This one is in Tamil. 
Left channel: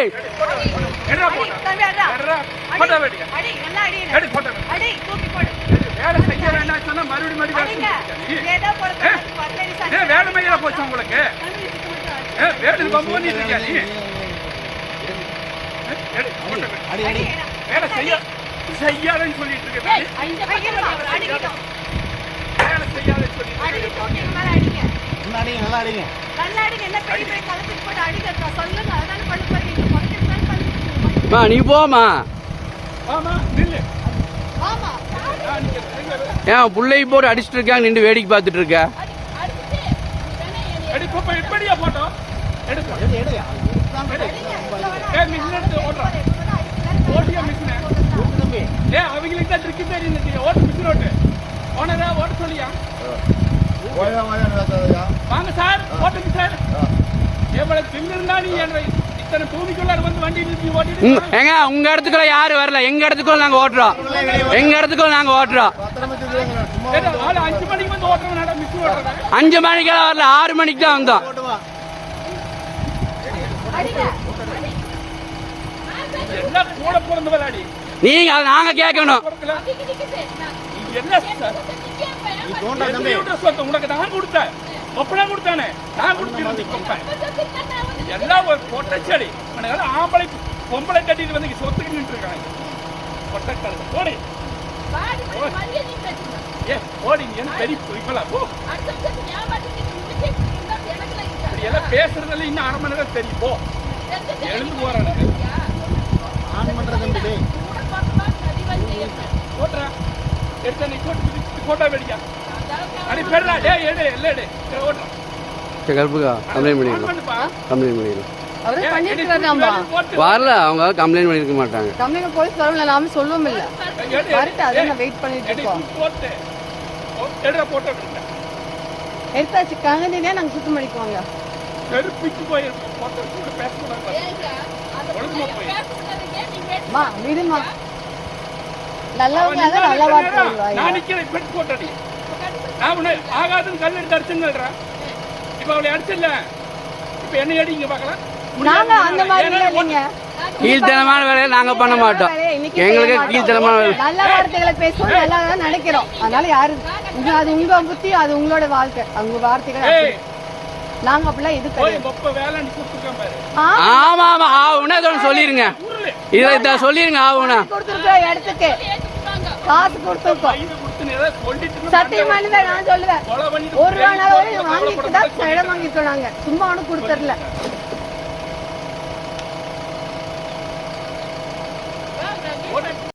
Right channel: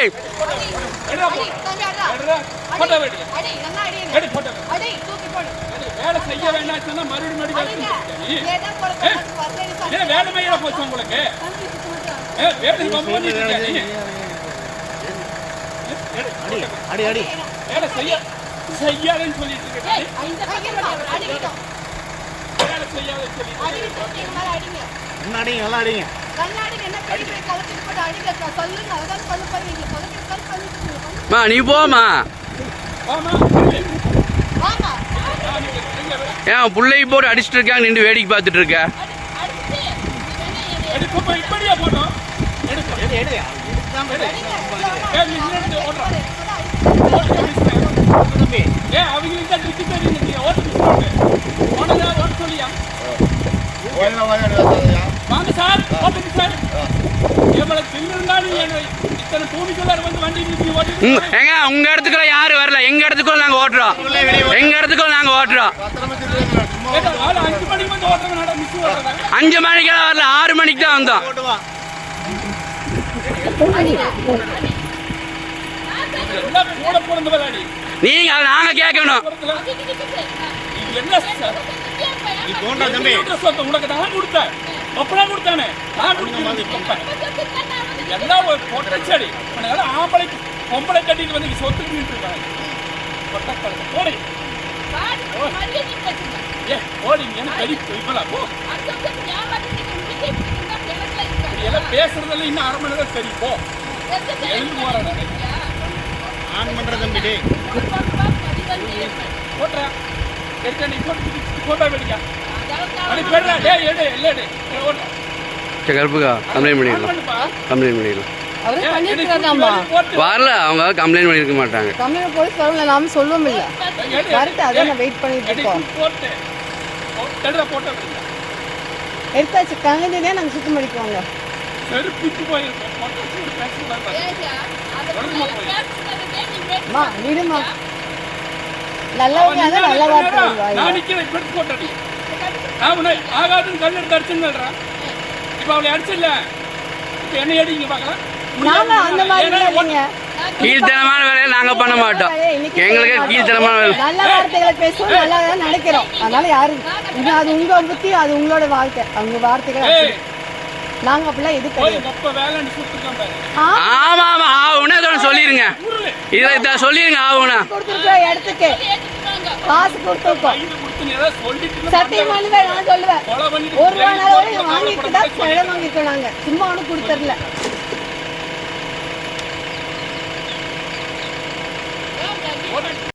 போட்டோ தம்பி, அடா. எடுறா. போட்டோ வெடிங்க அடி, நல்லா அடிங்க. எடு போட்டோ அடி, தூக்கி போடு. வேலை செய்ய வேண்டாம் சொன்னா மறுபடியும் மறுபடியும் ஏதோ சாமி. ஏன் வேலை மையில போச்சு உங்களுக்கு. ஏ, வேலை பம்பு பண்ணிட்டு இருக்கியா நீ எடு, போட்டோ. அடி அடி வேலை செய்ய செய்யாதன்னு சொல்லிட்டு இருக்க ஏய், இந்த பக்கம் போடு, அடிக்கட்டும். வேலை செய்யாதன்னு சொல்லிட்டு அடி, தூக்கி மேல அடிங்க. நல்லா அடிங்க நல்லா அடிங்க அடிங்க, என்ன கை கை கலத்திட்டு போட்டு அடிங்க. சொல்லுங்க, மா நீ போமா? ஏன் பிள்ளை போட்டு அடிச்சிட்டு இருக்காங்க நின்று வேடிக்கை பார்த்துட்டு இருக்க? அவங்களுக்கு தான் ட்ரிக்கு தெரியும் ஓட்டு மிஸ் ஓட்டு ஓனதா ஓட்டு சொல்லியா? வாங்க சார் ஓட்டுங்க சார் எவ்வளவு திமிருந்தா நீ என்ன இத்தனை பூமிக்குள்ளார வந்து வண்டி நிறுத்தி உங்க ஓட்டி ஏங்க உங்க இடத்துக்குள்ள யாரு வரல. எங்க இடத்துக்குள்ள நாங்க ஓட்டுறோம். எங்க இடத்துக்குள்ள நாங்க ஓட்டுறோம். அஞ்சு மணிக்கு வந்து அஞ்சு மணிக்கெல்லாம் வரல. ஆறு மணிக்கு தான் வந்தோம். கூட பிறந்த விளையாடி? நீங்க அதை நாங்க கேட்கணும். உனக்கு நான் கொடுத்தேன். ஒப்பனா கொடுத்தானே. நான் கொப்பேன் எல்லாம் ஒரு பொட்டச்செடி உனக்கு ஆம்பளை பொம்பளை கட்டிட்டு வந்து சொத்துக்கு நின்று இருக்காங்க. பொட்டக்கடலை போடி. ஏ போடி நீ என்ன பெரிய இப்பலாம் போ எல்லாம் பேசுறதெல்லாம் இன்னும் அரை மணி நேரம் தெரியும். போ. எழுந்து போறேன் ஆன் பண்ற தம்பி போட்டுறா. எடுத்த நீ போட்டு போட்டோ வெடிக்கா. அடி பெறா டேய் எடு எல்லாம் எடு. ஓட்டுறா சரி கருப்புக்கா கம்ப்ளைண்ட் பண்ணிடலாம். கம்ப்ளைண்ட் பண்ணிடலாம். வரல அவங்க கம்ப்ளைண்ட் பண்ணிருக்க மாட்டாங்க. கம்மியான போலீஸ் வரல நாம சொல்லவும் இல்லை. எடு, அதான் வெயிட் பண்ணிட்டு இருக்கோம். எடுத்தாச்சு கலந்துனே நாங்க சுத்தம் பண்ணிக்குவாங்க. செருப்பிச்சு போய் போட்டோ கூட பேசக்கூடாது மா விடுமா நல்லவங்க நல்ல வார்த்தை நான். நிக்கிறேன் ஆகாதுன்னு கல் எடுத்து அடிச்சுன்னு இப்ப அவளை அடிச்சில்ல இப்ப என்ன அடிங்க பாக்கலாம் கீழ்த்தனமான வேலையை நாங்க பண்ண மாட்டோம். எங்களுக்கு கீழ்த்தனமான வேலை. நல்ல வார்த்தைகளை பேசுவோம் நல்லா தான் நினைக்கிறோம். அதனால யாரு இது அது உங்க புத்தி அது உங்களோட வாழ்க்கை. உங்க வார்த்தைகள். நாங்க அப்படிலாம் பாரு. ஆமா ஆமா இதோட சொல்லிருங்க. இதை சொல்லிருங்க ஆவுனா கொடுத்துருக்கோம் இடத்துக்கு காசு கொடுத்துருக்கோம் சத்தியம் பண்ணுவேன் நான் சொல்லுவேன். ஒரு ரூபா நாள் வாங்கிட்டு தான் இடம் வாங்கிட்டோம் நாங்க சும்மா ஒன்றும் கொடுத்துடல.